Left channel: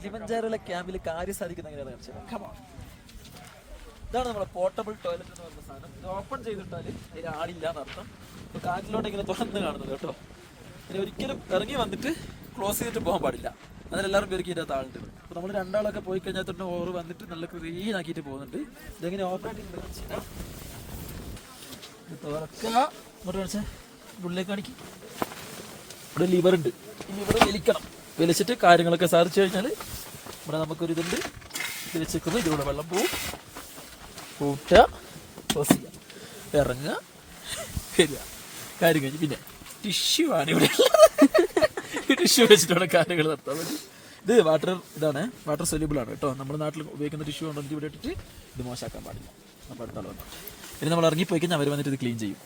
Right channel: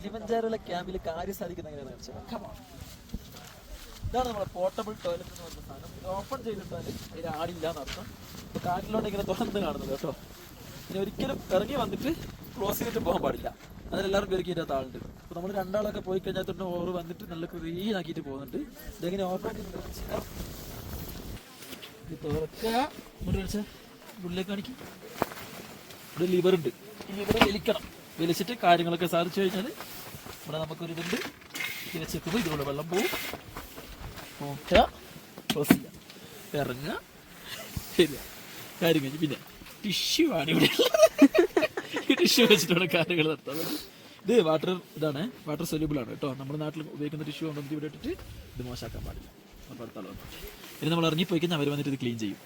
കിളിമഞ്ചാരോയിലെ ക്യാമ്പിൽ കാര്യം സാധിക്കുന്ന എങ്ങനെയാണ് കാണിച്ചത്. ഇതാണ് നമ്മുടെ പോർട്ടബിൾ ടോയ്ലറ്റ് എന്ന് പറയുന്ന സാധനം. ഇത് ഓപ്പൺ ചെയ്തിട്ടാൽ ഇതിൽ ആളില്ല എന്നർത്ഥം. കാറ്റിലോട്ട് ഇങ്ങനെ തുറന്ന് കാണുന്നത് കേട്ടോ. ഇനി ഒരിക്കലും ഇറങ്ങി വന്നിട്ട് ക്ലോസ് ചെയ്തിട്ട് പോകാൻ പാടില്ല. അതിലെല്ലാവരും പേർക്ക് ഇതിൻ്റെ ആളുണ്ട്. അപ്പോൾ നമ്മൾ രണ്ടാളൊക്കെ പോയി കഴിഞ്ഞാൽ തന്നെ ഓവർ വന്നിട്ട് നല്ല ക്ലീൻ ആക്കിയിട്ട് പോകുന്നുണ്ട്. ഇതെങ്ങനെ ഓപ്പൺ തുറക്കുക, ഇങ്ങോട്ട് കാണിച്ചാൽ ഉള്ളിലേക്ക് കാണിക്കും. ഇവിടെ ലിവർ ഉണ്ട്. ഈ ലിവർ വലിക്കണം. വലിച്ചിട്ട് കാര്യങ്ങളൊക്കെ സാധിച്ചു കഴിഞ്ഞാൽ ഇവിടെ നമുക്കൊരിതുണ്ട്. വലിച്ചിരിക്കുമ്പോൾ ഇതിലൂടെ വെള്ളം പോവും. കൂട്ടുക, ക്ലോസ് ചെയ്യുക, ഇറങ്ങുക, വരിക, കാര്യം കഴിഞ്ഞ്. പിന്നെ ടിഷ്യൂ ആണ് ഇവിടെ. ഈ ടിഷ്യൂ വെച്ചിട്ടാണ് കാര്യങ്ങൾ നടത്താൻ പറ്റും. ഇത് ഇതാണ് വാട്ടർ സൊല്യൂബിൾ ആണ് കേട്ടോ. നമ്മുടെ നാട്ടിൽ ഉപയോഗിക്കുന്ന ടിഷ്യൂ ഉണ്ടെങ്കിൽ ഇവിടെ ഇട്ടിട്ട് ഇത് മോശമാക്കാൻ പാടില്ല. അപ്പോൾ അടുത്ത ആൾ വന്നിട്ട് ഇനി നമ്മൾ ഇറങ്ങിപ്പോയി കഴിഞ്ഞാൽ അവർ വന്നിട്ട് ഇത് ക്ലീൻ ചെയ്യും.